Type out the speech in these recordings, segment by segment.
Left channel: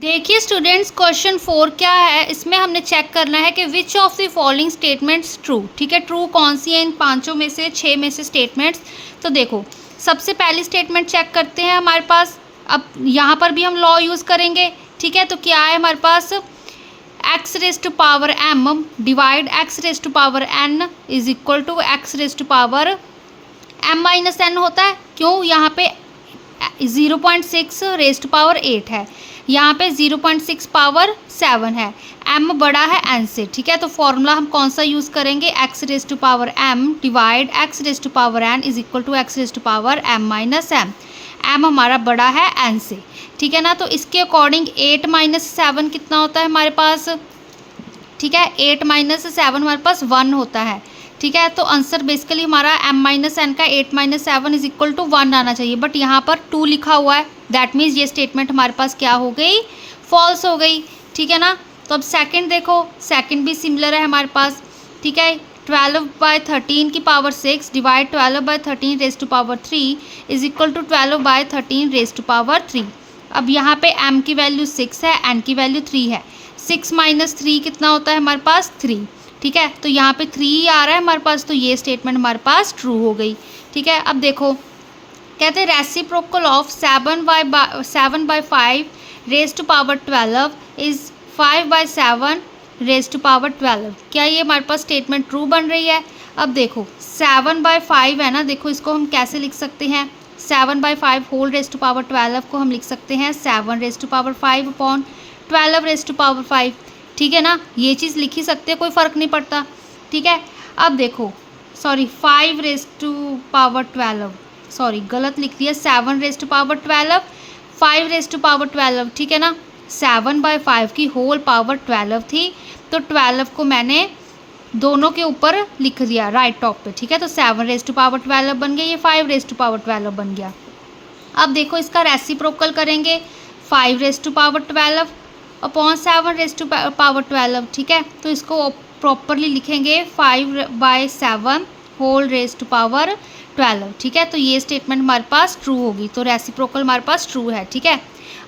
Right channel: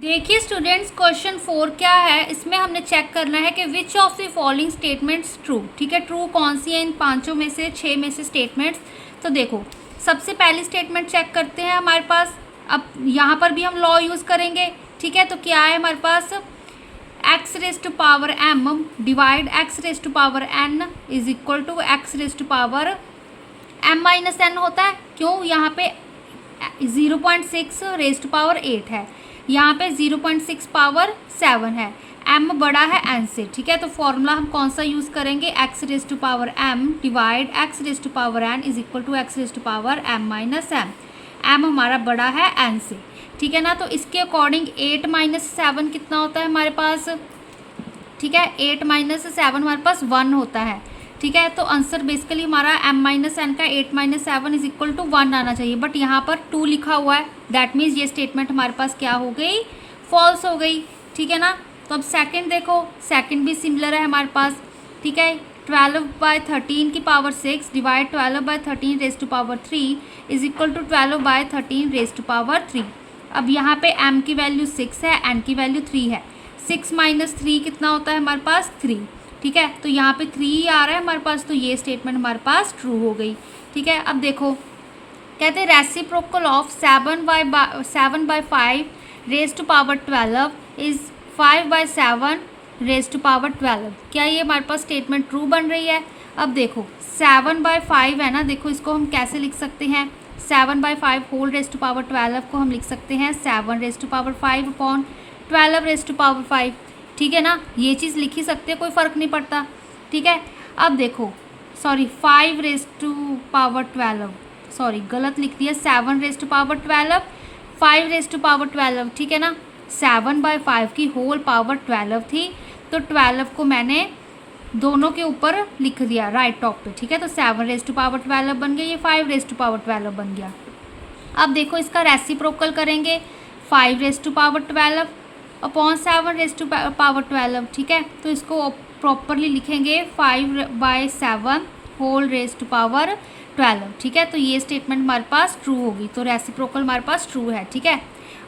देखिए students, question 4 क्या है। इसमें हमने चेक करना है कि which of the following statements true. ठीक है, ट्रू कौन सी है इन पांचों में से, 6 में से स्टेटमेंट्स। तो देखो, सबसे पहली स्टेटमेंट चेक करते हैं हमारे पास। अब यहाँ पर भी हम लॉ यूज़ करेंगे। ठीक है, तो क्या है हमारे पास, x raise to power m divide x raise to power n is equal to x raise to power m minus n होता है। क्यों, यहाँ पे 0.6 रेज टू पावर 8 है, यहाँ पे 0.6 पावर 7 है, m बड़ा है n से। ठीक है, तो फॉर्मूला हम कौन सा यूज़ करेंगे, x raise to power m divide x raise to power n is equal to x raise to power m minus m। m हमारा बड़ा है n से। ठीक है ना, तो इसके अकॉर्डिंग 8 माइनस 7 कितना होता है हमारे पास। ठीक है, 8 माइनस 7 हमारे पास 1 होता है। ठीक है, तो आंसर बेसिकली हमारा m माइनस एन का 8 माइनस 7 इज इक्वल टू 1 आना चाहिए, बट यहाँ पर 2 लिखा हुआ है। दैट मीन्स ये स्टेटमेंट हमारे पास क्या हो गई, फॉल्स हो गई। ठीक है ना, तो अब सेकंड देखो, सेकंड भी सिमिलर है हमारे पास। ठीक है, 12/13 की power 6 divide 12/13 raise to power 3 is equal to 12/13 raise to power 3। अब यहाँ पे m की वैल्यू 6 है, n की वैल्यू 3 है। 6 माइनस 3 कितना होता है हमारे पास, 3। ठीक है, तो यहाँ पे 3 आ रहा है हमारे पास, तो ये स्टेटमेंट हमारे पास ट्रू हो गई। ठीक है, अब देखो, कहते हैं reciprocal of 7/5 raise to power 12 is 5/7 raise to power 12। क्या ये हमारे पास स्टेटमेंट ट्रू बन रही है। अब देखो 7/5 है ना, देखो इसको हम कैसे लिख सकते हैं, 7/5 होल रेज टू पावर 12 को हम लिख सकते हैं 7 raise to power 5 upon 12 raise to power 5। ठीक है ना, ये चीज़ लिख ही सकते हैं, कोई फ़र्क नहीं पड़ता। ठीक है, अब देखो, sorry 5 raise to power 12, sorry गलत लिख दिया, 7 raise to power 12, 5 raise to power 12। ठीक है ना, 7/5 की होल पावर 12 थी, तो 12 को मैंने दोनों के ऊपर लिख दिया राइट टॉप पे। ठीक है, तो 7 रेज टू पावर 12 बन गया, ये 5 रेज टू पावर 12 बन गया। अब देखो इसका रेसिप्रोकल करेंगे, 5 raise to power 12 upon 7 raise to power 12। ठीक है, तो इसको प्रॉपरली लिखेंगे 5/7 होल रेज टू पावर 12। ठीक है, तो ये स्टेटमेंट हमारे पास ट्रू होगी, तो रेसिप्रोकल हमारे पास ट्रू है। ठीक है,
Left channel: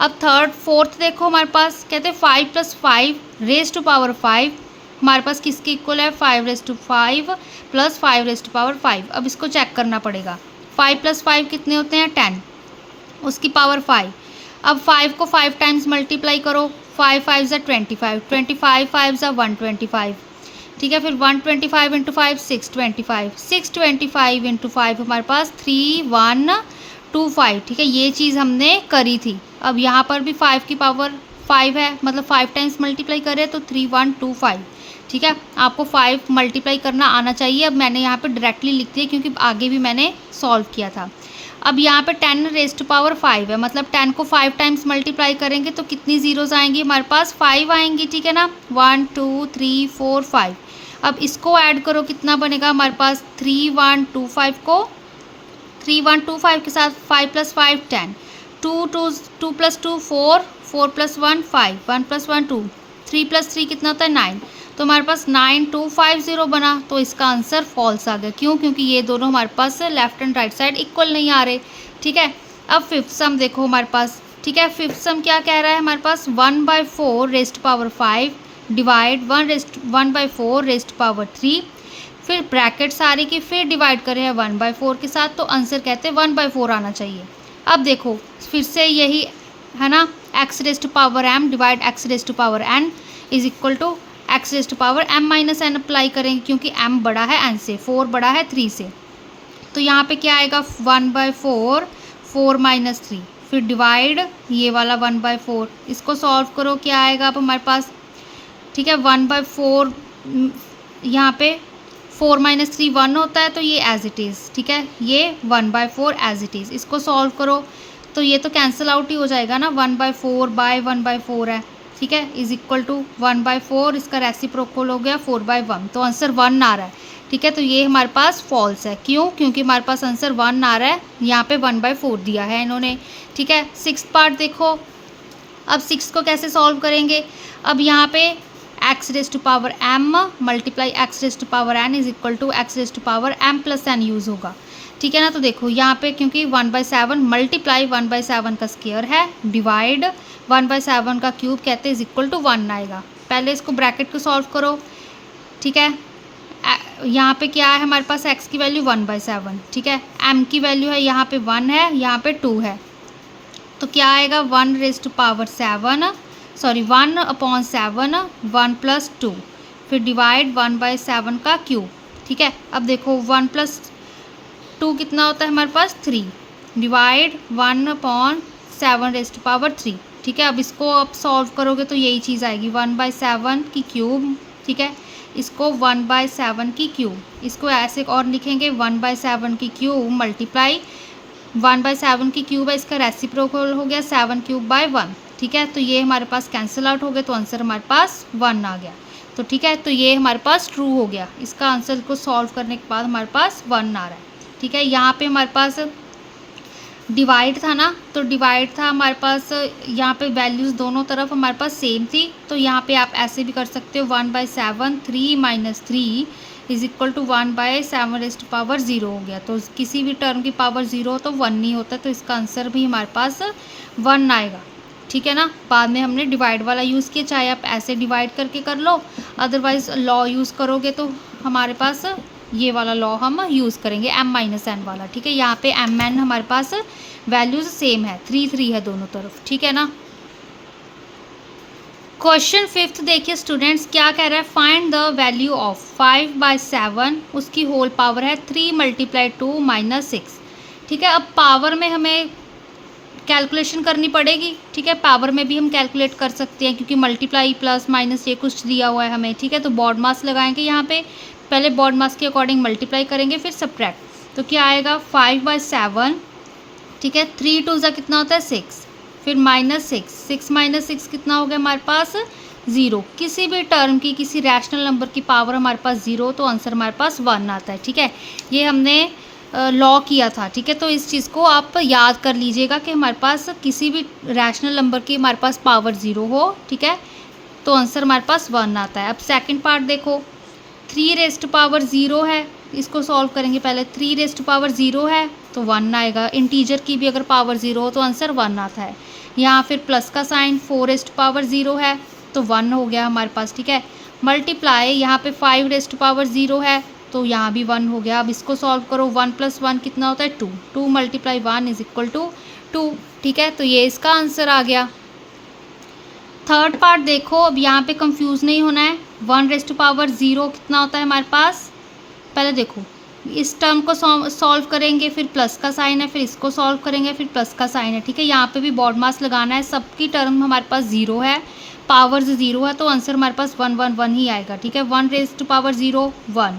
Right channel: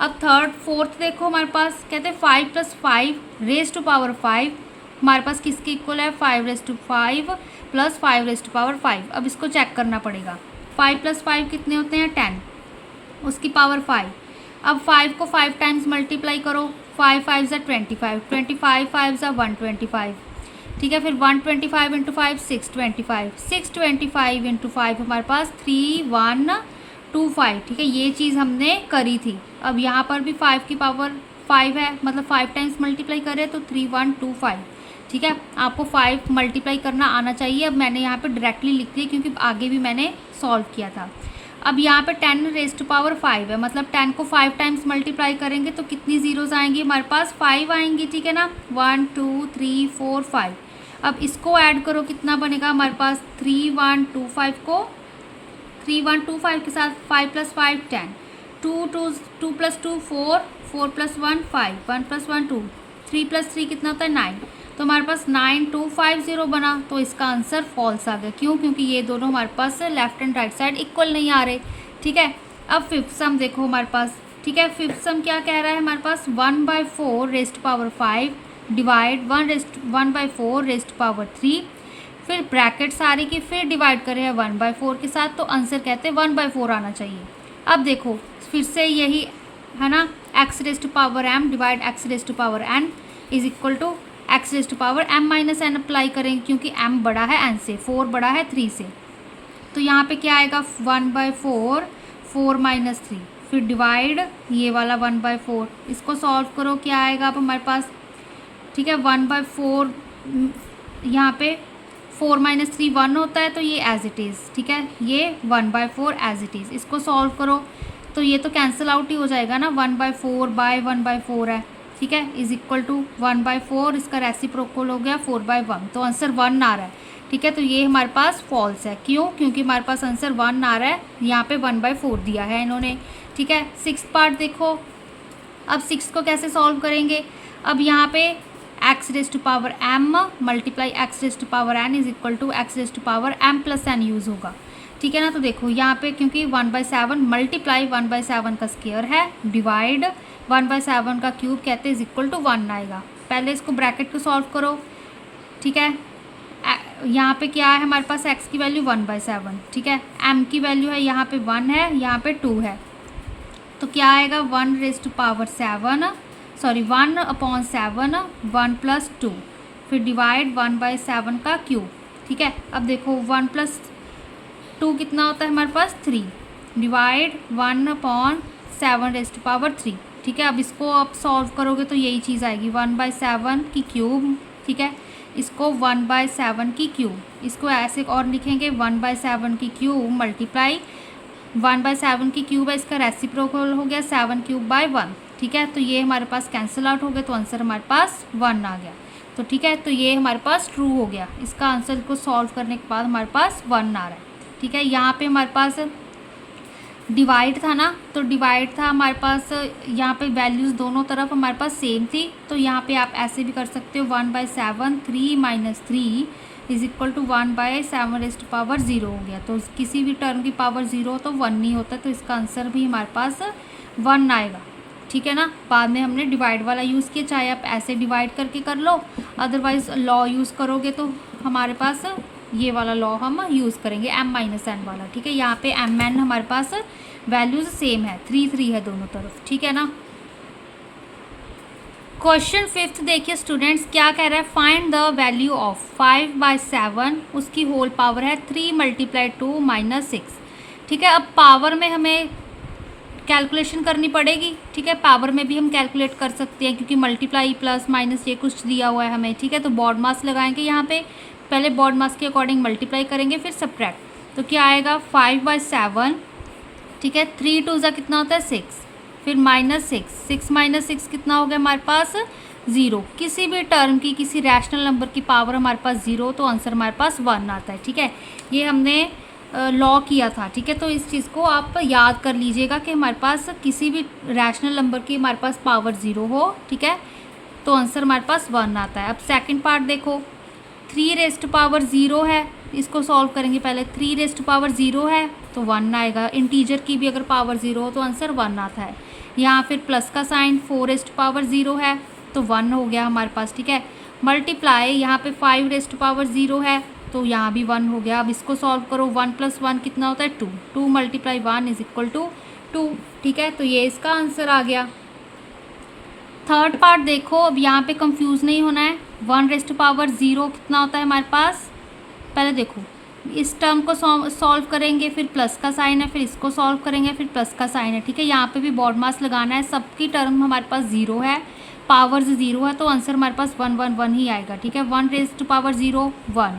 अब फोर्थ देखो हमारे पास, कहते हैं 5 + 5 रेज टू पावर 5 हमारे पास किसके इक्वल है, 5 raise to 5 + 5 raise to power 5। अब इसको चेक करना पड़ेगा, 5 + 5 कितने होते हैं, 10, उसकी पावर 5। अब 5 को 5 टाइम्स मल्टीप्लाई करो, 5 5 ज़ा 25, 25 5 ज़ा 125। ठीक है, फिर 125 इंटू 5 625, 625 इंटू 5 हमारे पास 3125। ठीक है, ये चीज़ हमने करी थी। अब यहाँ पर भी 5 की पावर 5 है, मतलब 5 टाइम्स मल्टीप्लाई करें तो 3125। ठीक है, आपको 5 मल्टीप्लाई करना आना चाहिए। अब मैंने यहाँ पर डायरेक्टली लिख दिया क्योंकि आगे भी मैंने सॉल्व किया था। अब यहाँ पे 10 रेज टू पावर 5 है, मतलब 10 को 5 टाइम्स मल्टीप्लाई करेंगे तो कितनी ज़ीरोज़ आएंगी हमारे पास, 5 आएंगी। ठीक है ना, 1 2 3 4 5। अब इसको ऐड करो, कितना बनेगा हमारे पास, 3125 को 3125 के साथ 5 + 5 10, 2 + 2 4, 4 + 1 5, 1 + 1 2, 3 + 3 कितना होता है 9, तो हमारे पास 9250 बना। तो इसका आंसर फॉल्स आ गया। क्यों, क्योंकि ये दोनों हमारे पास left and right side equal नहीं आ रहे। ठीक है, अब फिफ्थ सम देखो हमारे पास। ठीक है, फिफ्थ सम क्या कह रहा है हमारे पास, 1/4 raise to power 5 divide 1/4 raise to power 3, फिर ब्रैकेट सारे की फिर डिवाइड करें 1/4 के साथ, तो आंसर कहते हैं 1/4 आना चाहिए। अब देखो फिर से यही है ना, x raise to power m divide x raise to power n is equal to x raise to power m minus n apply करेंगे, क्योंकि m बड़ा है n से, 4 बड़ा है 3 से। तो यहाँ पे क्या आएगा, 1/4 4 - 3, फिर डिवाइड ये वाला 1/4, इसको सॉल्व करो, क्या आएगा अब हमारे पास। ठीक है, 1/4 यहाँ पे 4 - 3 1 होता है, तो ये एज इट इज़। ठीक है, ये 1/4 एज इट इज़, इसको सॉल्व करो तो ये तो कैंसिल आउट ही हो जाएगा ना, 1/4 बाय 1/4 है। ठीक है, इज इक्वल टू 1/4, इसका रेसिप्रोकल हो गया 4/1, तो आंसर 1 आ रहा है। ठीक है, तो ये हमारे पास फॉल्स है। क्यों, क्योंकि हमारे पास आंसर 1 आ रहा है, यहाँ पे 1/4 दिया है इन्होंने। ठीक है, 6th पार्ट देखो, अब 6 को कैसे सॉल्व करेंगे। अब यहाँ पे x raise to power m multiply x raise to power n is equal to x raise to power m + n use होगा। ठीक है ना, तो देखो यहाँ पे क्योंकि 1/7 मल्टीप्लाई 1/7 का स्क्वायर है डिवाइड 1/7 का क्यूब कहते हैं इज इक्वल टू 1 आएगा। पहले इसको ब्रैकेट को सॉल्व करो, ठीक है। यहाँ पे क्या है हमारे पास, x की वैल्यू 1/7, ठीक है। m की वैल्यू है यहाँ पे 1 है, यहाँ पे 2 है, तो क्या आएगा 1/7, सॉरी 1/7, 1 + 2, फिर डिवाइड 1/7 का क्यूब, ठीक है। अब देखो 1 + 2 कितना होता है हमारे पास 3, डिवाइड 1/7⁻3, ठीक है। अब इसको आप सॉल्व करोगे तो यही चीज़ आएगी 1/7 की क्यूब, ठीक है। इसको 1/7 की क्यूब, इसको ऐसे और लिखेंगे 1/7 की क्यूब मल्टीप्लाई 1/7 की क्यूब है, इसका रेसिप्रोकल हो गया 7³/1, ठीक है। तो ये हमारे पास कैंसिल आउट हो गया, तो आंसर हमारे पास 1 आ गया। तो ठीक है, तो ये हमारे पास ट्रू हो गया। इसका आंसर को सॉल्व करने के बाद हमारे पास 1 आ रहा है, ठीक है। यहाँ पे हमारे पास डिवाइड था ना, तो डिवाइड था हमारे पास, यहाँ पे वैल्यूज़ दोनों तरफ हमारे पास सेम थी, तो यहाँ पे आप ऐसे भी कर सकते हो 1/7 3 - 3 इज इक्वल टू 1/7⁻0 हो गया। तो किसी भी टर्म की पावर 0 हो तो 1 नहीं होता, तो इसका आंसर भी हमारे पास 1 आएगा, ठीक है ना। बाद में हमने डिवाइड वाला यूज़ किया, चाहे आप ऐसे डिवाइड करके कर लो, अदरवाइज़ लॉ यूज़ करोगे तो हमारे पास ये वाला लॉ हम यूज़ करेंगे m-n वाला, ठीक है। यहाँ पे mn हमारे पास वैल्यूज़ सेम है, 3 3 है दोनों तरफ, ठीक है ना। क्वेश्चन 5 देखिए स्टूडेंट्स, क्या कह रहा है, फाइंड द वैल्यू ऑफ 5/7, उसकी होल पावर है 3 × 2 - 6, ठीक है। अब पावर में हमें कैलकुलेशन करनी पड़ेगी, ठीक है। पावर में भी हम कैलकुलेट कर सकते हैं क्योंकि मल्टीप्लाई प्लस माइनस ये कुछ दिया हुआ है हमें, ठीक है। तो बॉड मास लगाएंगे यहाँ पे, पहले बॉड मास के अकॉर्डिंग मल्टीप्लाई करेंगे, फिर सब्ट्रैक्ट। तो क्या आएगा 5/7, ठीक है। 3 × 2 कितना होता है 6, फिर -6, 6 - 6 कितना हो गया हमारे पास 0। किसी भी टर्म की, किसी रैशनल नंबर की पावर हमारे पास 0 तो आंसर हमारे पास 1 आता है, ठीक है। ये हमने लॉ किया था, ठीक है। तो इस चीज़ को आप याद कर लीजिएगा कि हमारे पास किसी भी रैशनल नंबर की हमारे पास पावर 0 हो, ठीक है, तो आंसर हमारे पास 1 आता है। अब सेकंड पार्ट देखो, 3⁻0 है, इसको सॉल्व करेंगे। पहले 3⁻0 है तो 1 आएगा। इंटीजर की भी अगर पावर 0 हो तो आंसर 1 आता है। यहाँ फिर प्लस का साइन 4⁻0 है तो 1 हो गया हमारे पास, ठीक है। मल्टीप्लाई यहाँ पे 5⁻0 है तो यहाँ भी 1 हो गया। अब इसको सॉल्व करो, 1 + 1 कितना होता है 2, 2 × 1 इज इक्वल टू 2, ठीक है। तो ये इसका आंसर आ गया। थर्ड पार्ट देखो, अब यहाँ पे कंफ्यूज नहीं होना है। 1⁻0 कितना होता है हमारे पास, पहले देखो इस टर्म को सॉल्व करेंगे, फिर प्लस का साइन है, फिर इसको सॉल्व करेंगे, फिर प्लस का साइन है, ठीक है। यहाँ पे भी बॉड मास लगाना है, सबकी टर्म हमारे पास 0 है, पावर्स 0 है, तो आंसर हमारे पास 1 1 1 ही आएगा, ठीक है। 1⁻0 1,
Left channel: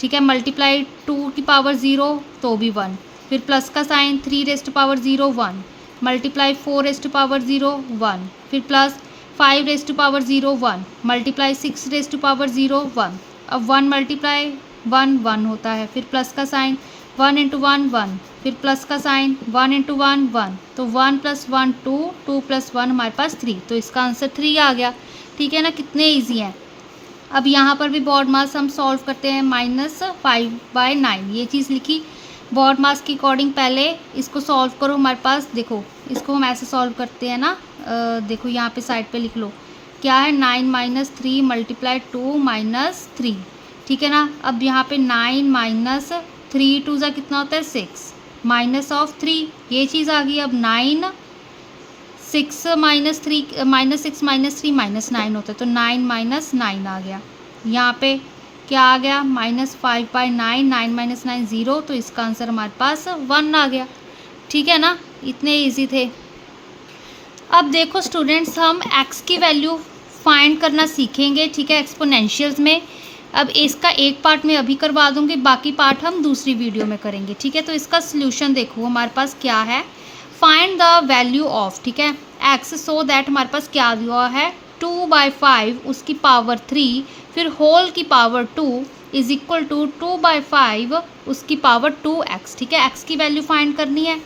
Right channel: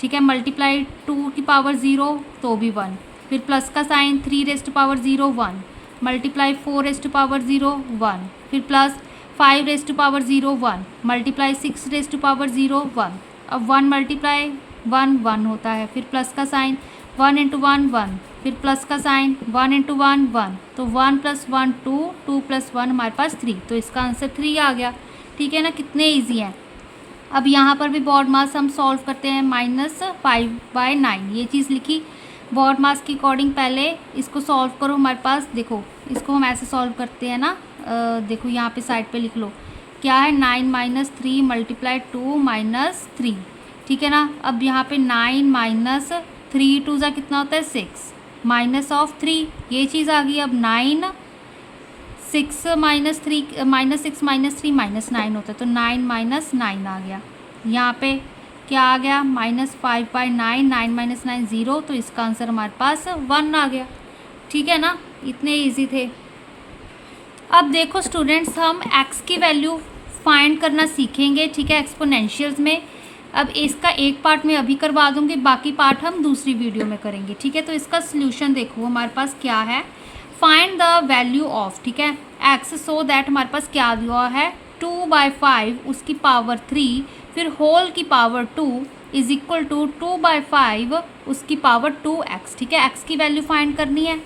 ठीक है। मल्टीप्लाई 2 की पावर 0 तो भी 1, फिर प्लस का साइन 3⁻0 1, मल्टीप्लाई 4⁻0 1, फिर प्लस 5⁻0 1, मल्टीप्लाई 6⁻0 1। अब 1 × 1 1 होता है, फिर प्लस का साइन 1 × 1 1, फिर प्लस का साइन 1 × 1 1, तो 1 + 1 2, 2 + 1 हमारे पास 3, तो इसका आंसर 3 आ गया, ठीक है ना। कितने ईजी हैं। अब यहाँ पर भी बॉड मास हम सॉल्व करते हैं, -5/9 ये चीज़ लिखी बॉड मास के अकॉर्डिंग। पहले इसको सॉल्व करो, हमारे पास देखो इसको हम ऐसे सॉल्व करते हैं ना, देखो यहाँ पे साइड पे लिख लो, क्या है 9 - 3 × 2 - 3, ठीक है ना। अब यहाँ पे 9 - 3 × 2 कितना होता है 6, -3 ये चीज़ आ गई। अब 9 6 - 3 -6 - 3 -9 होता है, तो 9 - 9 आ गया। यहाँ पे क्या आ गया -5/9, 9 - 9 0, तो इसका आंसर हमारे पास 1 आ गया, ठीक है ना। इतने इजी थे। अब देखो स्टूडेंट्स, हम x की वैल्यू फाइंड करना सीखेंगे, ठीक है, एक्सपोनेंशियल्स में। अब इसका एक पार्ट मैं अभी करवा दूंगी, बाकी पार्ट हम दूसरी वीडियो में करेंगे, ठीक है। तो इसका सोल्यूशन देखो हमारे पास क्या है, फाइंड द वैल्यू ऑफ, ठीक है, x, सो दैट हमारे पास क्या दिया है 2/5 उसकी पावर 3, फिर होल की पावर 2 इज इक्वल टू 2/5 उसकी पावर 2x, ठीक है। x की वैल्यू फाइंड करनी है,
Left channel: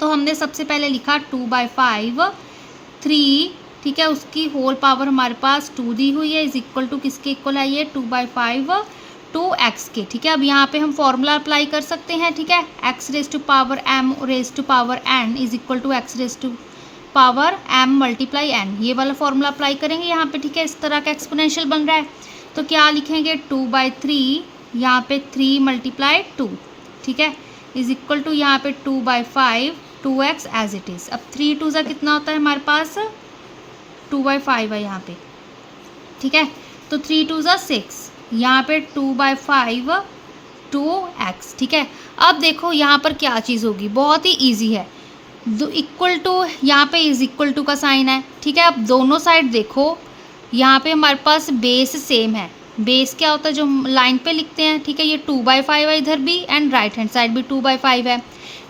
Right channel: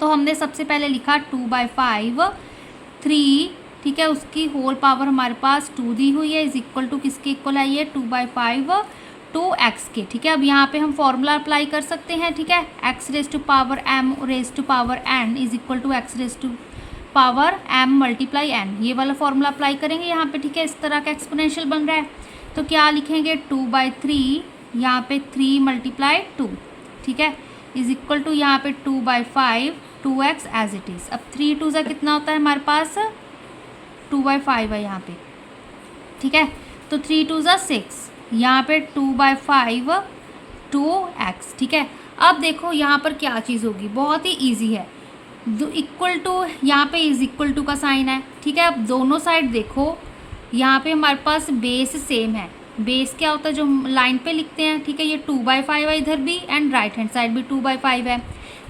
तो हमने सबसे पहले लिखा 2/5 3, ठीक है, उसकी होल पावर हमारे पास 2 दी हुई है, इज इक्वल टू किसके इक्वल है ये 2/5 2x के, ठीक है। अब यहाँ पे हम फॉर्मूला अप्लाई कर सकते हैं, ठीक है, x⁻m⁻n is equal to x⁻ power m multiply n, ये वाला फॉर्मूला अप्लाई करेंगे यहाँ पे, ठीक है। इस तरह का एक्सपोनेंशियल बन रहा है तो क्या लिखेंगे 2/3, यहाँ पे 3 मल्टीप्लाई 2, ठीक है, इज इक्वल टू यहाँ पे 2/5 2x एज इट इज़। अब 3 2 सा कितना होता है हमारे पास 2/5 है यहाँ पे, ठीक है, तो 3 2 सा 6, यहाँ पे 2/5 2x, ठीक है। अब देखो यहाँ पर क्या चीज़ होगी, बहुत ही ईजी है, इक्वल टू यहाँ पे इज इक्वल टू का साइन है, ठीक है। अब दोनों साइड देखो, यहाँ पे हमारे पास बेस सेम है, बेस क्या होता है जो लाइन पे लिखते हैं, ठीक है, ये 2/5 है इधर भी एंड राइट हैंड साइड भी 2/5 है।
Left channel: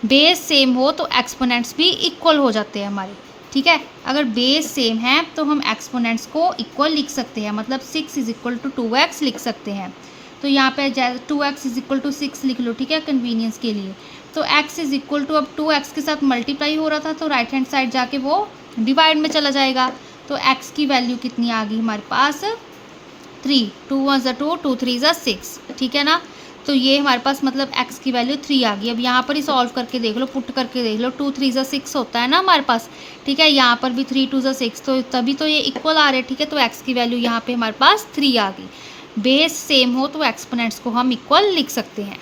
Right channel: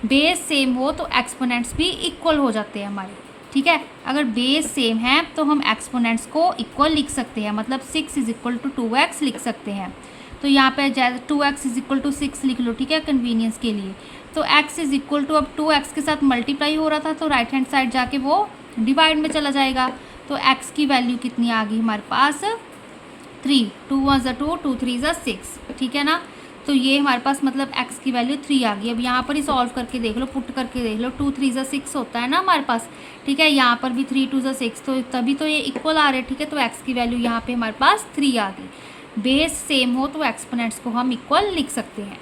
बेस सेम हो तो एक्सपोनेंट्स भी इक्वल हो जाते हैं हमारे, ठीक है। अगर बेस सेम है तो हम एक्सपोनेंट्स को इक्वल लिख सकते हैं, मतलब 6 इज इक्वल टू 2x लिख सकते हैं। तो यहाँ पे 2x इज इक्वल टू 6 लिख लो, ठीक है, कन्वीनियंस के लिए। तो x इज इक्वल टू, अब 2x के साथ मल्टीप्लाई हो रहा था तो राइट हैंड साइड जाके वो डिवाइड में चला जाएगा, तो x की वैल्यू कितनी आ गई हमारे पास 3, 2 1 ज़ा 2 2 3 ज़ा 6, ठीक है ना। तो ये हमारे पास मतलब x की वैल्यू 3 आ गई। अब यहाँ पर ही सॉल्व करके देख लो, पुट करके देख लो, 2 3 ज़ा 6 होता है ना हमारे पास, ठीक है, यहाँ पर भी 3 2 ज़ा 6, तो तभी तो ये इक्वल आ रहे हैं, ठीक है। तो x की वैल्यू यहाँ पे हमारे पास 3 आ गई। बेस सेम हो तो एक्सपोनेंट्स को हम इक्वल लिख सकते हैं।